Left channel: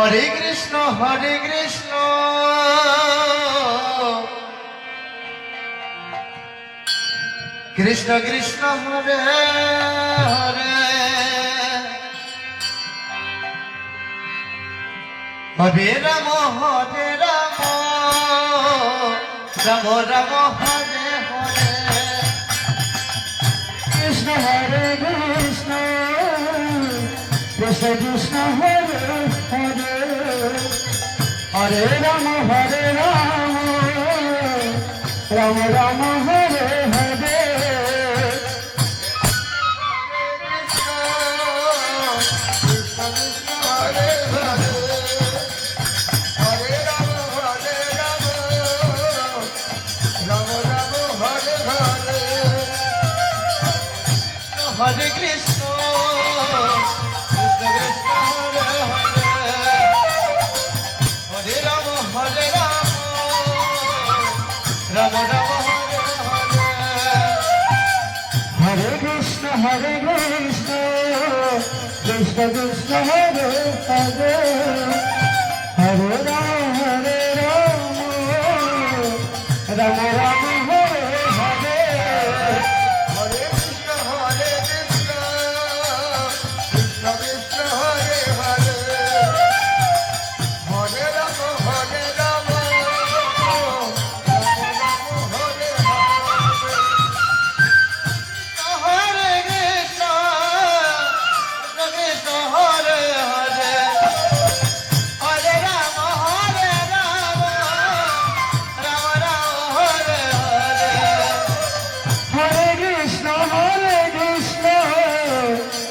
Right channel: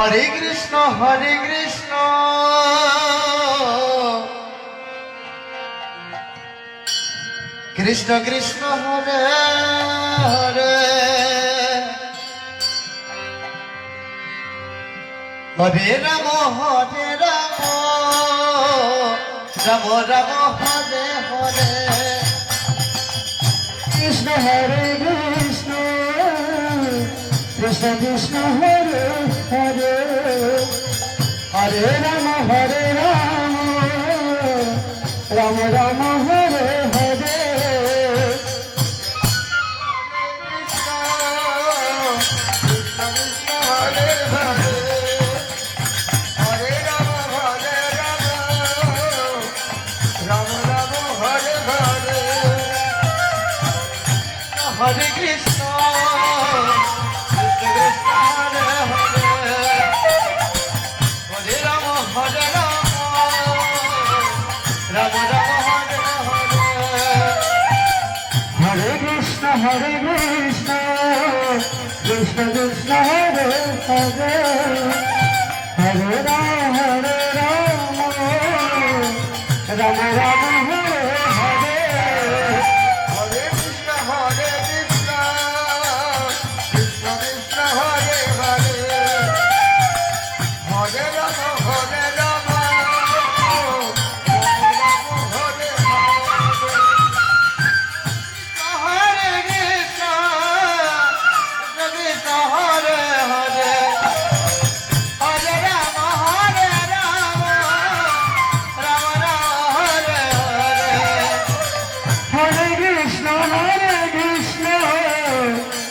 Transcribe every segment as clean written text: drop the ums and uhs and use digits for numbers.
Hare Krishna Krishna Krishna Hare Hare Hare Ram Ram Ram Hare Hare Krishna Hare Krishna Krishna Krishna Hare Hare Hare Ram Ram Ram Hare Hare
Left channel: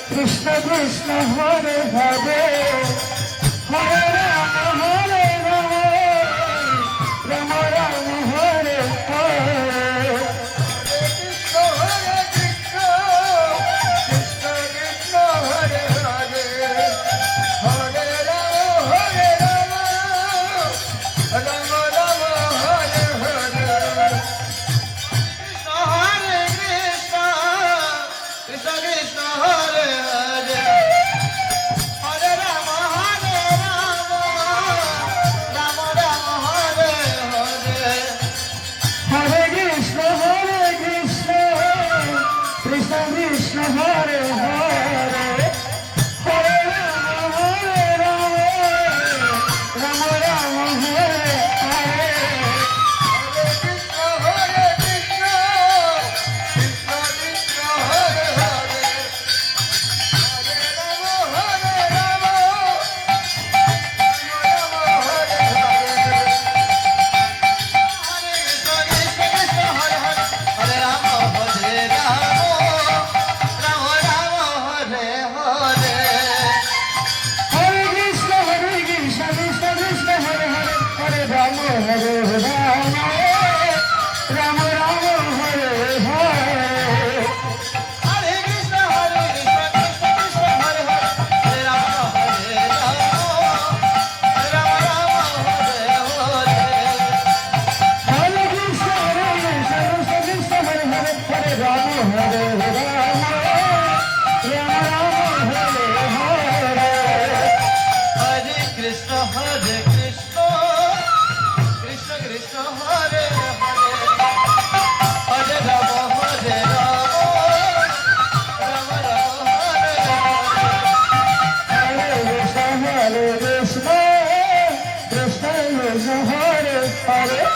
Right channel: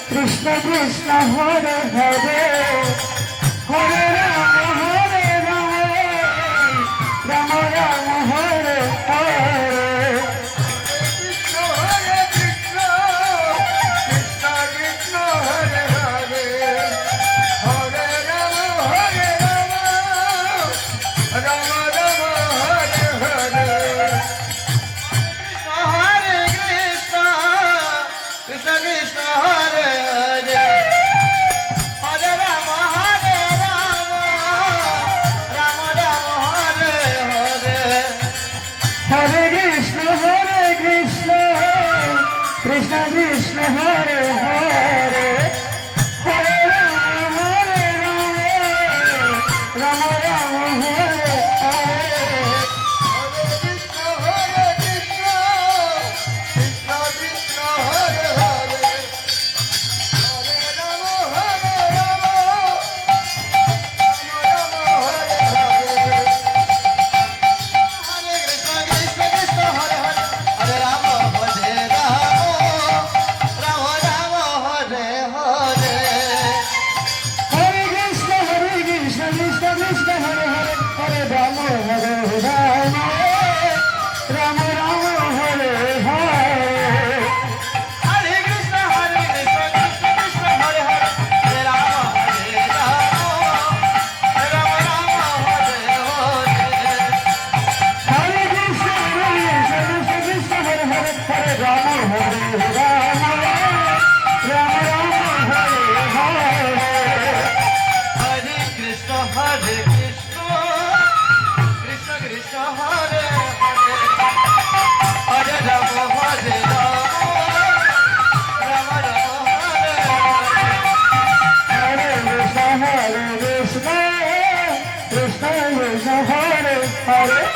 Krishna Krishna Hare Hare Hare Rama Rama Rama Hare Hare Hare Krishna Krishna Krishna Hare Hare Hare Rama Krishna Krishna Hare Hare Hare Rama Rama Rama Hare Hare Krishna Krishna Hare Hare Hare Rama Rama Rama Hare Hare Krishna Krishna Hare Krishna Krishna Hare Hare Hare Rama Rama Hare Hare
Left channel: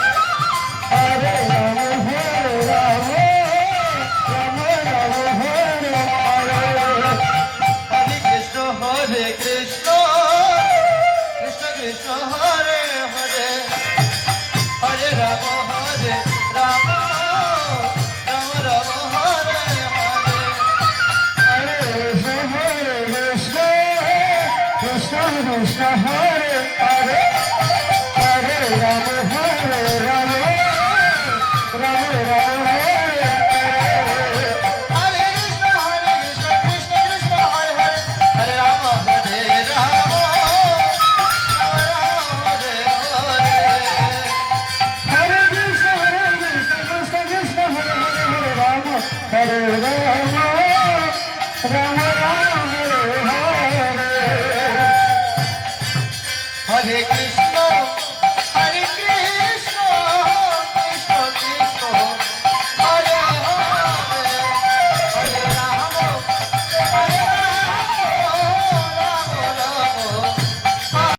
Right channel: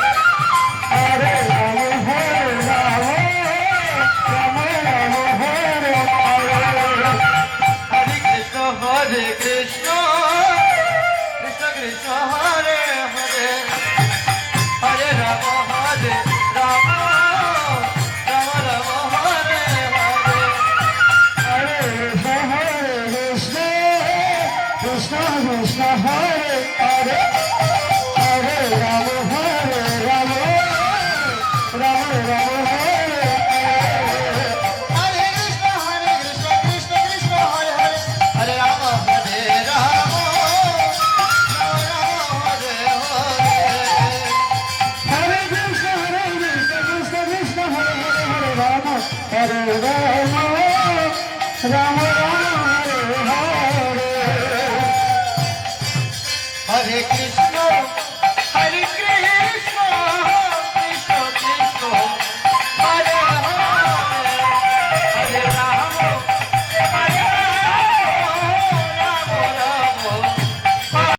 Krishna Hare Hare Hare Rama